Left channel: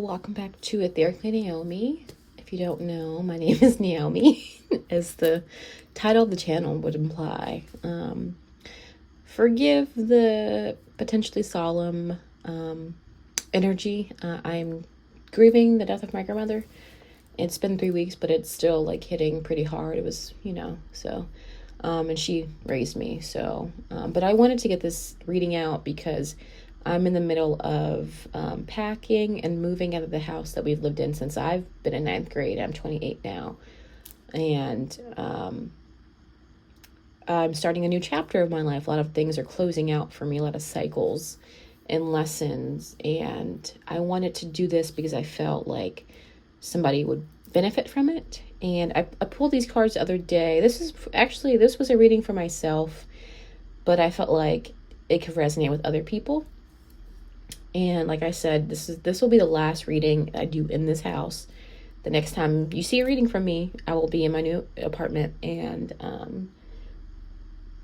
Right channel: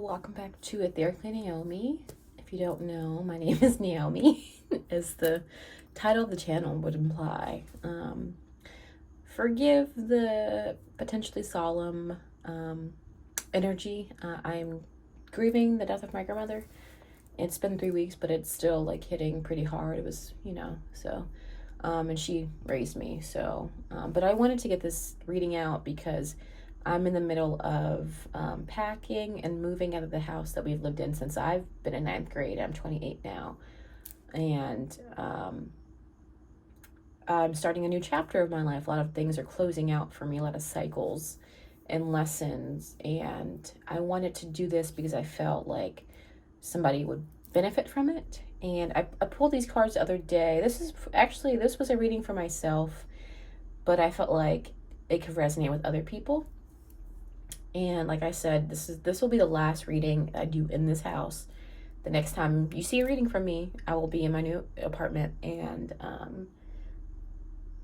Welcome back to Etherically Naomi. If you don't know, my name is Naomi, as the title of the channel would imply. Forgive the potentially solemn energy. I'm grieving the death of my grandmother. It's been 3 weeks, but it's still like hitting pretty hard. It was, and she raised me. But I wanted to get this reading out because I'm in the middle of packing and moving out of the house that we've lived in since I've been in ninth grade. I'm 28 now. And I'm starting a new chapter of my life. A lot of things are closing out for me, a lot of cycles and lessons. And I wanted to do this because I felt like somebody would benefit from it. And I pulled these cards the other day. This was a reading for myself, but I felt like it could resonate with other people. And like I said, this will be the last reading I do in this house. The next time you see a reading from me, I will be in my new apartment, and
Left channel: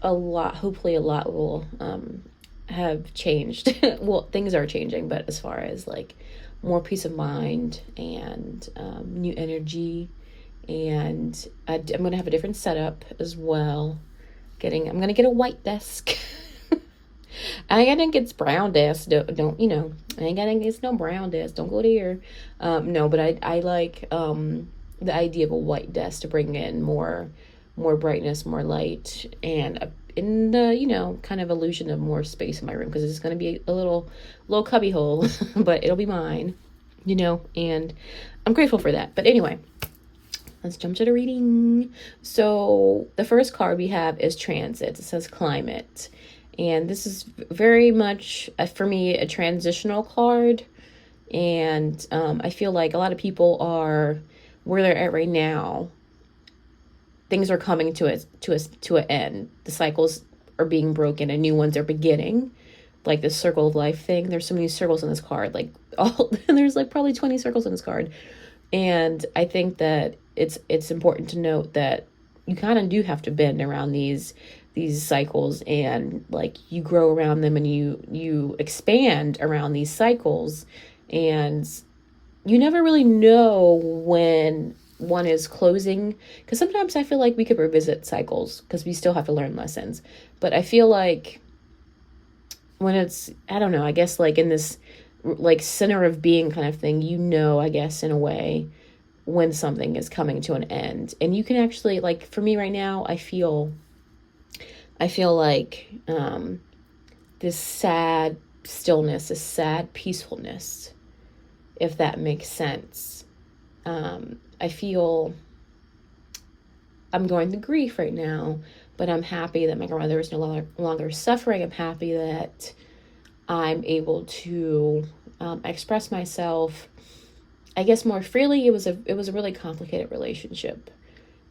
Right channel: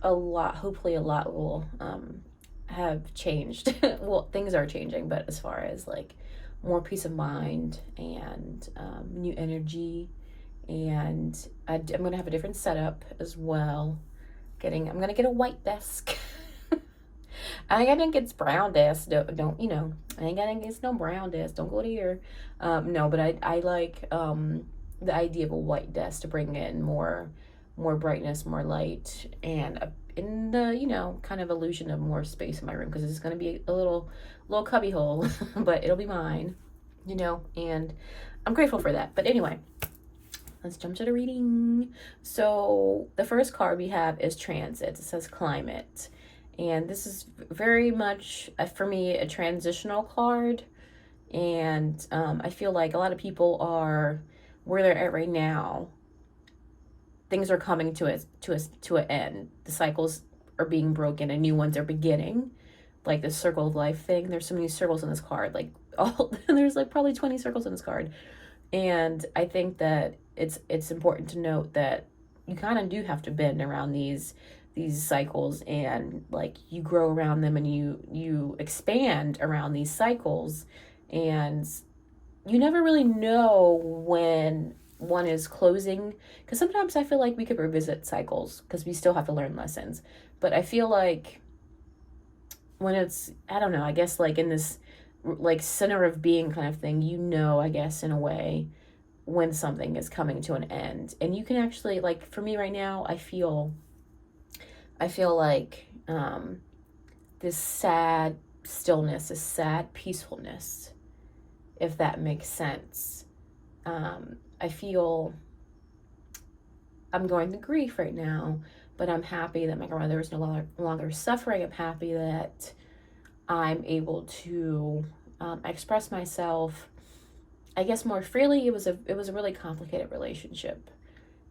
hopefully a lot will have changed. Well, things are changing, but as far as like more peace of mind and new energy, and I'm gonna have a different setup as well. I'm gonna get a white desk. I ain't gonna get brown desk. Don't I ain't gonna get no brown desk. Don't go there. No, but I like the idea of a white desk to bring in more brightness, more light, and in the kind of illusion of more space in my room, because it's gonna be a little cubby hole, but it'll be mine, and I'm grateful for that. But anyway, let's jump to the reading. So the first card we have is Transit. It says Climate. And this is very much, for me, a transitional card. And I feel like a lot of people are where they're at right now. Things are coming to an end. The cycles are being broken and new ones are beginning. Like the circle of life thing. There's so many circles in this card. There's like probably 20 circles in this card. And I think that it's important to note that you kind of do have to bend around these cycles, and like you grow around them, and you expand around these cycles, and you never really know when one is closing, because sometimes I feel like we could revisit cycles because we still have to learn lessons. But I feel like when it's, I don't know, I guess like in this like center of being kind of thing, I guess in a way, when something is coming to an end. And you can actually, like for me right now, I feel like this sad stillness, this sad peacefulness, if that makes sense. I feel I'm going through grief right now, but I'm happy that my grandmother is no longer suffering. I'm happy that I'm able to express myself, I guess, more freely. It was a really complicated relationship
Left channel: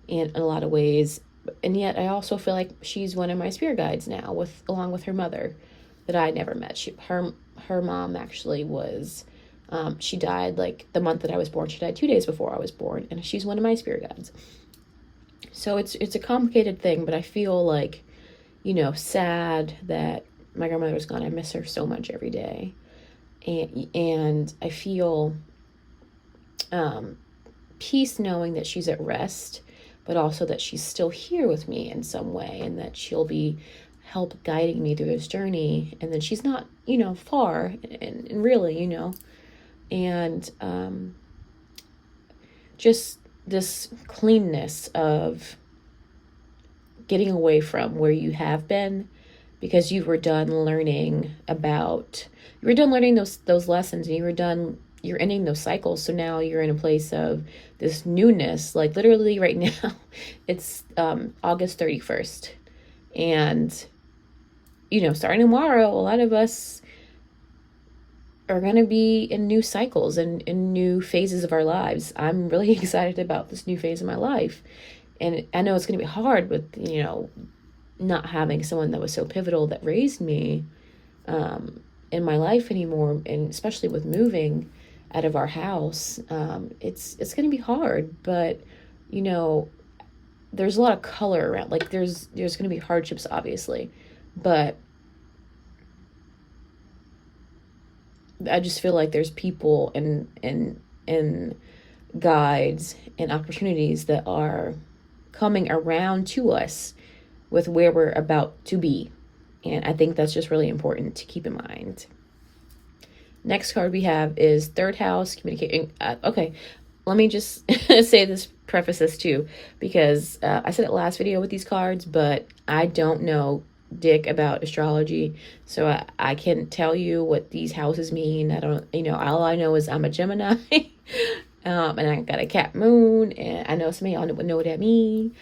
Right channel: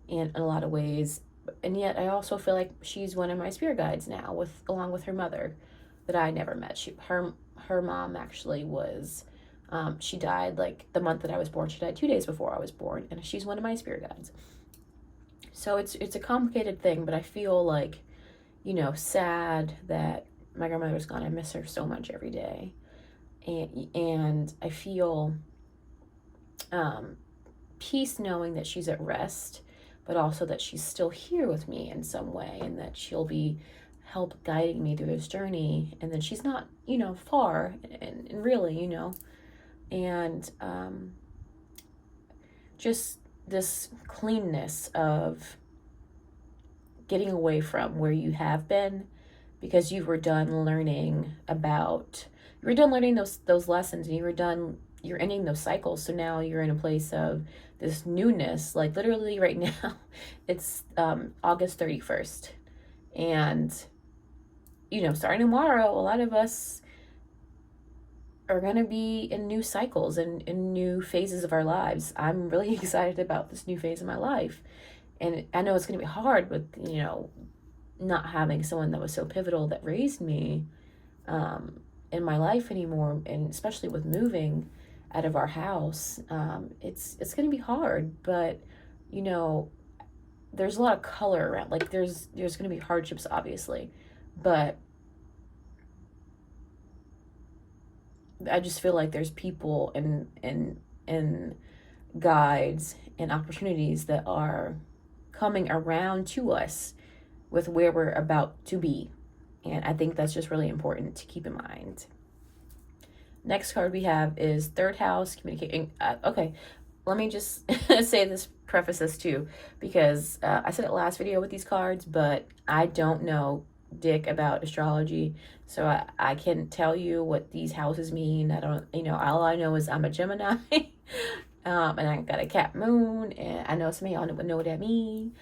in a lot of ways. And yet I also feel like she's one of my spirit guides now, along with her mother that I never met. Her mom actually was, she died like the month that I was born. She died 2 days before I was born, and she's one of my spirit guides. So it's a complicated thing, but I feel like, sad that my grandmother's gone. I miss her so much every day. And I feel peace knowing that she's at rest, but also that she's still here with me in some way, and that she'll be help guiding me through this journey, and that she's not, far, and really, and just this cleanness of getting away from where you have been, because you were done learning those lessons, and you're ending those cycles. So now you're in a place of this newness. Like literally right now, it's August 31st. And, starting tomorrow, a lot of us are going to be in new cycles and in new phases of our lives. I'm really excited about this new phase of my life. And I know it's going to be hard with, not having someone that was so pivotal that raised me in my life anymore. And especially with moving out of our house, it's going to be hard, but there's a lot of color around. Like there's going to be hardships, obviously, but I just feel like there's people and guides and opportunities that are coming around to us with where we're about to be. And I think that's just really important to keep in mind. Next card we have is third house communicating. Okay, let me just say this, preface this too, because I said it last video with these cards, but I don't know dick about astrology, so I can't tell you what these houses mean. I don't, all I know is I'm a Gemini. And I got a cat moon, and I know some of y'all would know what that means.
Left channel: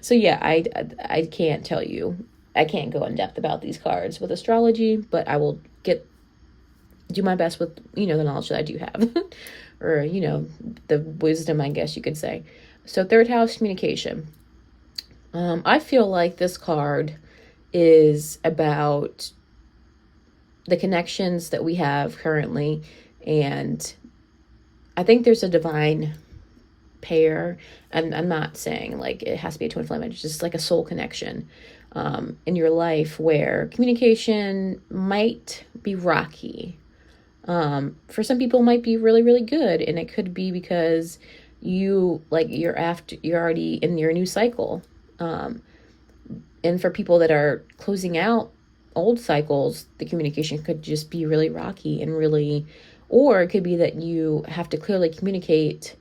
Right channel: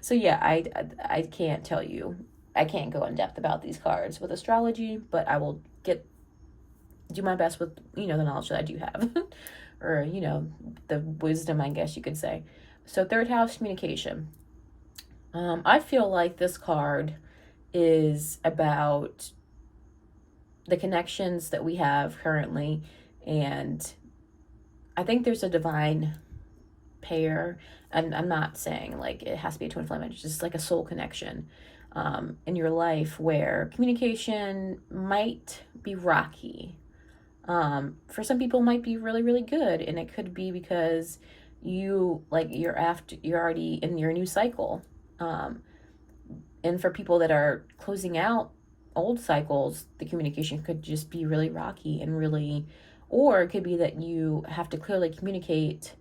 So yeah, I can't tell you. I can't go in depth about these cards with astrology, but I will do my best with the knowledge that I do have, or the wisdom, I guess you could say. So third house communication. I feel like this card is about the connections that we have currently, and I think there's a divine pair. And I'm not saying like it has to be a twin flame, it's just like a soul connection in your life where communication might be rocky. For some people it might be really, really good, and it could be because you're already in your new cycle. And for people that are closing out old cycles, the communication could just be really rocky and really, or it could be that you have to clearly communicate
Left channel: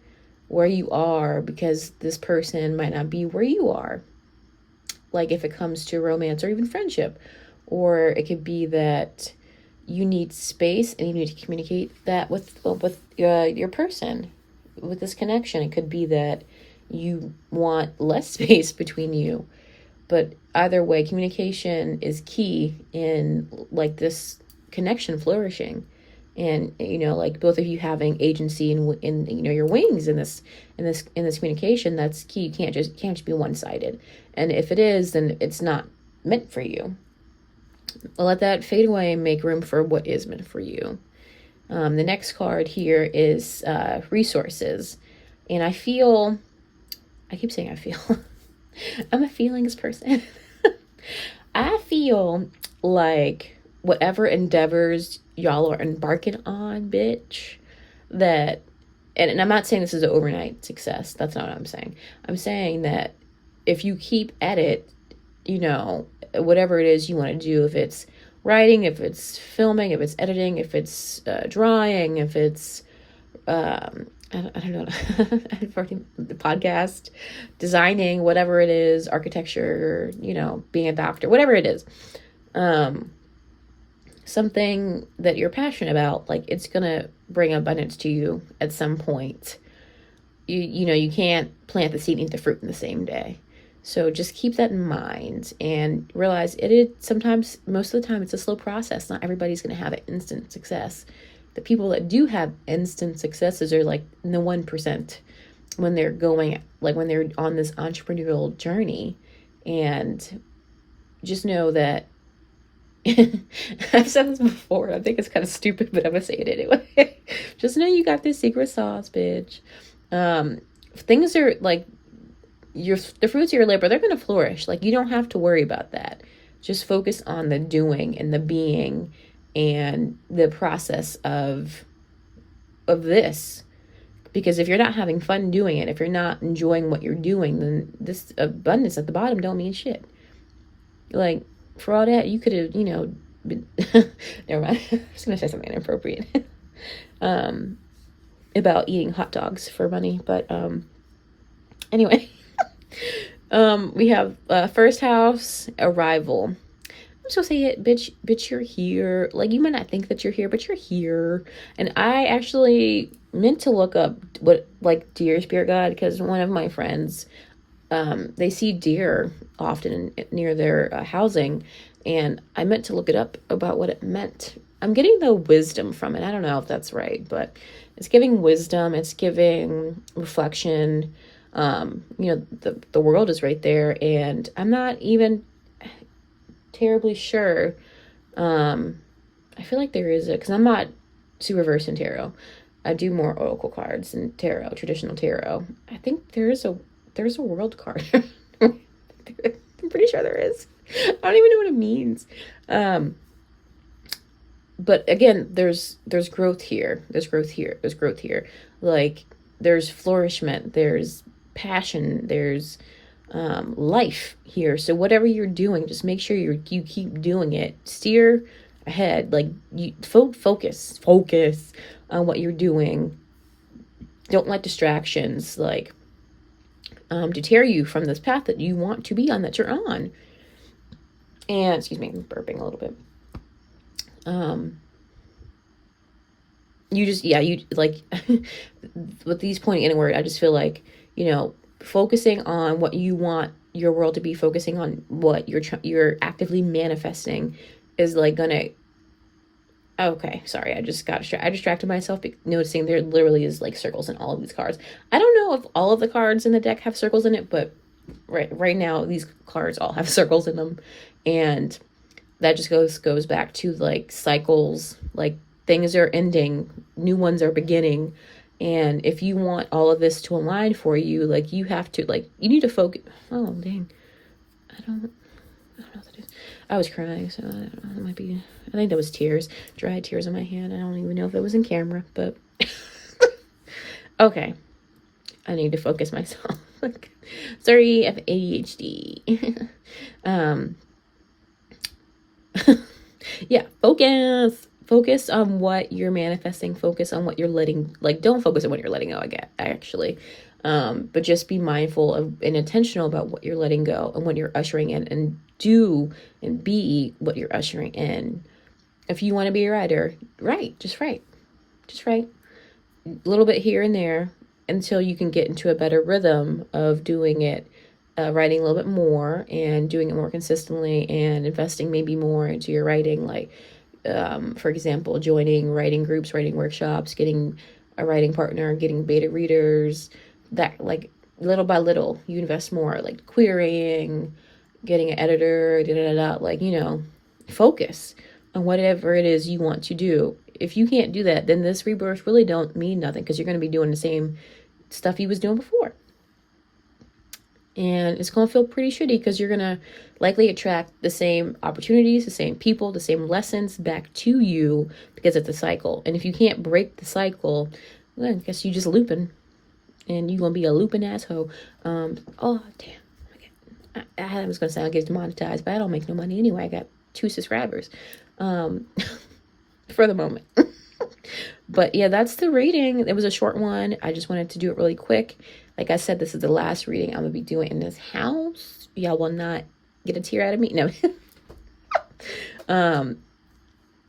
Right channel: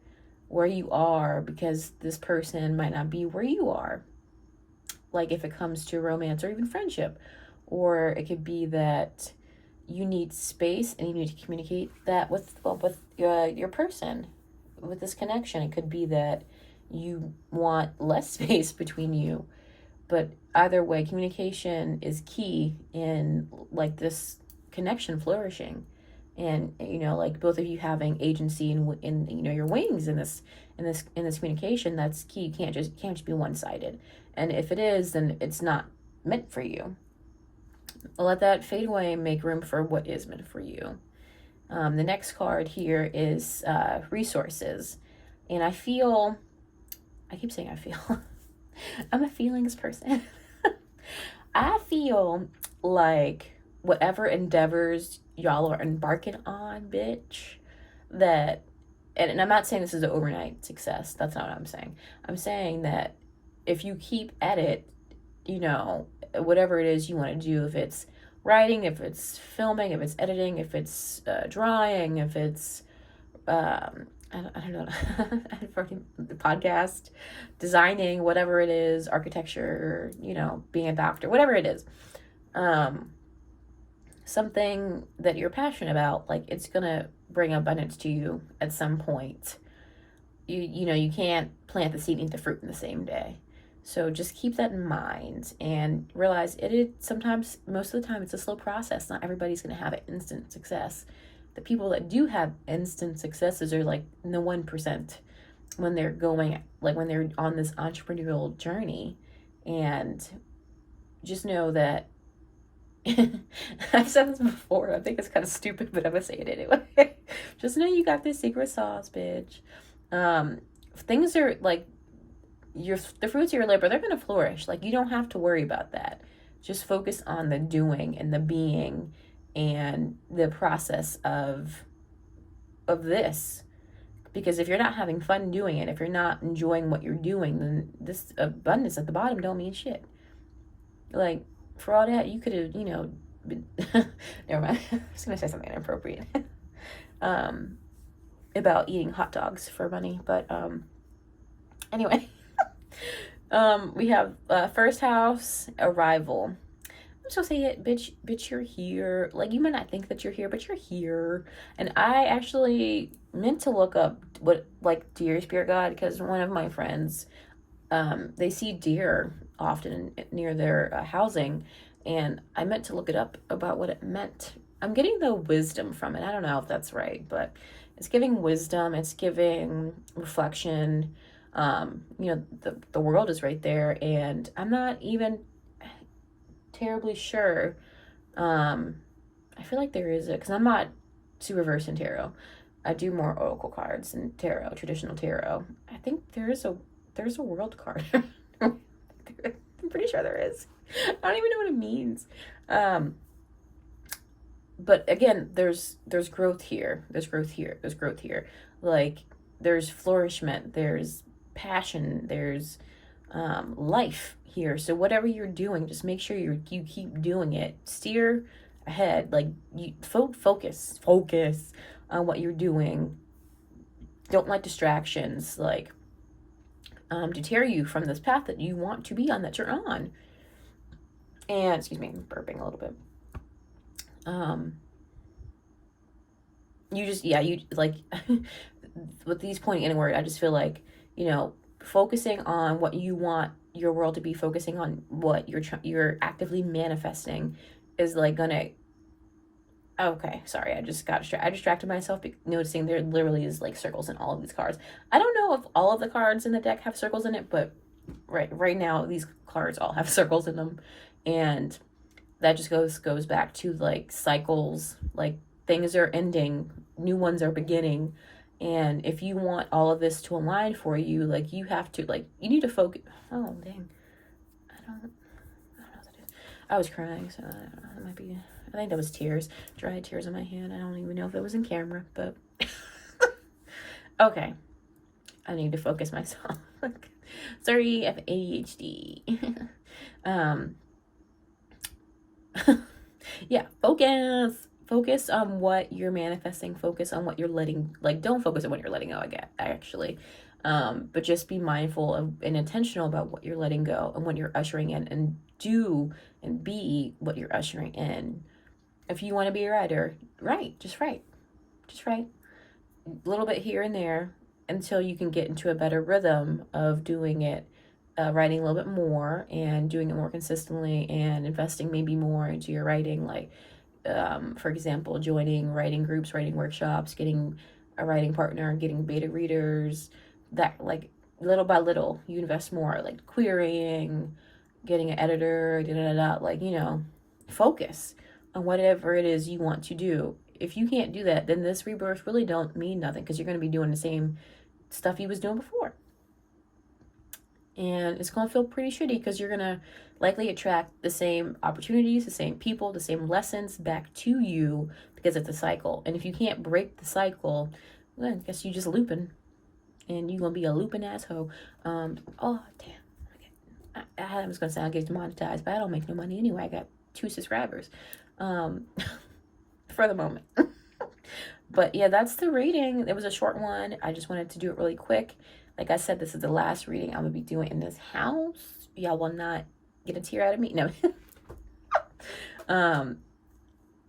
where you are because this person might not be where you are. Like if it comes to romance or even friendship, or it could be that you need space and you need to communicate that with your person, with this connection. It could be that you want less space between you. But either way, communication is key in like this connection flourishing, and like both of you having agency in your wings in this communication. That's key. You can't just be one-sided, and if it is, then it's not meant for you. Let that fade away and make room for what is meant for you. The next card here is resources, and I keep saying I feel I'm a feelings person. I feel like whatever endeavors y'all are embarking on, bitch, that, and I'm not saying this is an overnight success. That's not what I'm saying. I'm saying that if you keep at it, whatever it is you want to do, if it's writing, if it's filming, if it's editing, if it's drawing, if it's I don't know, the podcast, designing, whatever it is, architecture, being a doctor, whatever it is, something that you're passionate about, like it's gonna bring abundance to you at some point. You can't plant the seed and eat the fruit in the same day. So just keep that in mind and realize sometimes, most of the time, it's a slow process. Not everybody's going to have an instant success. The people that do have instant successes are like in the 1% when they're on this entrepreneurial journey. And just know that I've said this before. I think it's kind of stupid, but I'm going to say it anyway. Just know you got this secret sauce, bitch. Things are like, the fruits of your labor, they're going to flourish. Like, you don't have to worry about that. Just focus on the doing and the being and the process of this. Because if you're not having fun doing it, if you're not enjoying what you're doing, then this abundance at the bottom don't mean shit. Like, for all that, you could have, been never mind. I was going to say something inappropriate about eating hot dogs for money. But anyway. We have first house, arrival. I'm just gonna say it, bitch, you're here. Like, you might not think that you're here, but you're here. And I actually meant to look up what, like, deer spirit guide, because one of my friends, they see deer often near their housing, and I meant to look it up about what it meant. I'm getting the wisdom from it. I don't know if that's right, but it's giving wisdom, it's giving reflection. The world is right there, and I'm not even terribly sure. I feel like there is because I'm not super versed in tarot. I do more oracle cards and tarot, traditional tarot. I think there's a world card. I'm pretty sure there is. I don't even know what it means. but again, there's growth here. There's growth here. There's growth here. Like there's flourishment. There's passion. There's life here. So whatever you're doing, just make sure you keep doing it. Steer ahead. Like you focus on what you're doing. Don't let distractions like deter you from this path that you want to be on, that you're on. And excuse me, I'm burping a little bit. You just, yeah, you like with these pointing inward, I just feel like, focusing on what you want your world to be, focusing on what you're actively manifesting is like gonna, okay, sorry, I distracted myself noticing there literally is like circles in all of these cards. I don't know if all of the cards in the deck have circles in it, but right now these cards all have circles in them. And that just goes back to like cycles, like things are ending, new ones are beginning. And if you want all of this to align for you, like you have to, like, you need to focus. Oh, dang. I don't know what that is. I was crying, so I don't know, it might be, I think that was tears, dry tears in my hand. I don't even know if it was in camera, but okay. I need to focus myself. Sorry, I have ADHD. Yeah, focus on what you're manifesting, focus on what you're letting, like, don't focus on what you're letting go, actually, but just be mindful of and intentional about what you're letting go and what you're ushering in, and do and be what you're ushering in. If you want to be a writer, just write a little bit here and there until you can get into a better rhythm of doing it, writing a little bit more and doing it more consistently, and investing maybe more into your writing, like for example, joining writing groups, writing workshops, getting a writing partner, getting beta readers, that, like, little by little you invest more, like querying, getting an editor, like, focus on whatever it is you want to do. If you can't do that, then this rebirth really don't mean nothing, because you're going to be doing the same stuff you was doing before. And it's going to feel pretty shitty, because you're going to likely attract the same opportunities, the same people, the same lessons back to you, because it's a cycle. And if you can't break the cycle, then I guess you just looping, and you're going to be a looping asshole. Oh, damn. I was going to say I'll get demonetized, but I don't make no money anyway. I got 2 subscribers for the moment. But yeah, that's the reading. It was a short one. I just wanted to do it really quick. Like I said, this is the last reading I'm going to be doing in this house. Y'all will not get a tear out of me. No.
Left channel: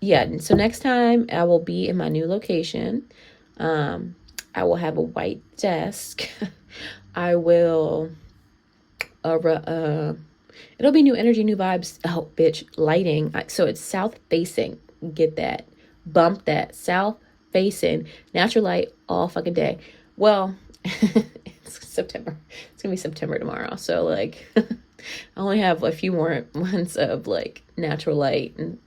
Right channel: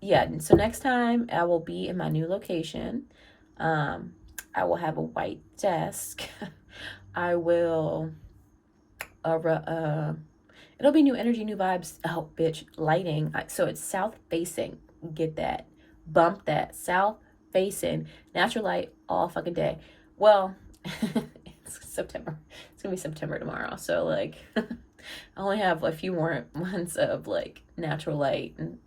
Yeah, so next time I will be in my new location. I will have a white desk. I will it'll be new energy, new vibes. Oh, bitch, lighting. So it's south facing. Get that. Bump that. South facing. Natural light all fucking day. Well, it's September. It's gonna be September tomorrow. So like I only have a few more months of like natural light, and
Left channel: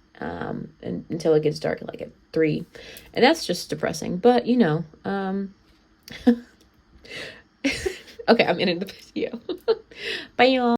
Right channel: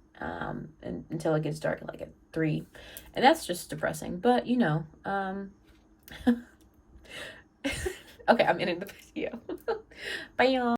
until it gets dark like at 3. And that's just depressing. But okay, I'm ending the video. Bye y'all.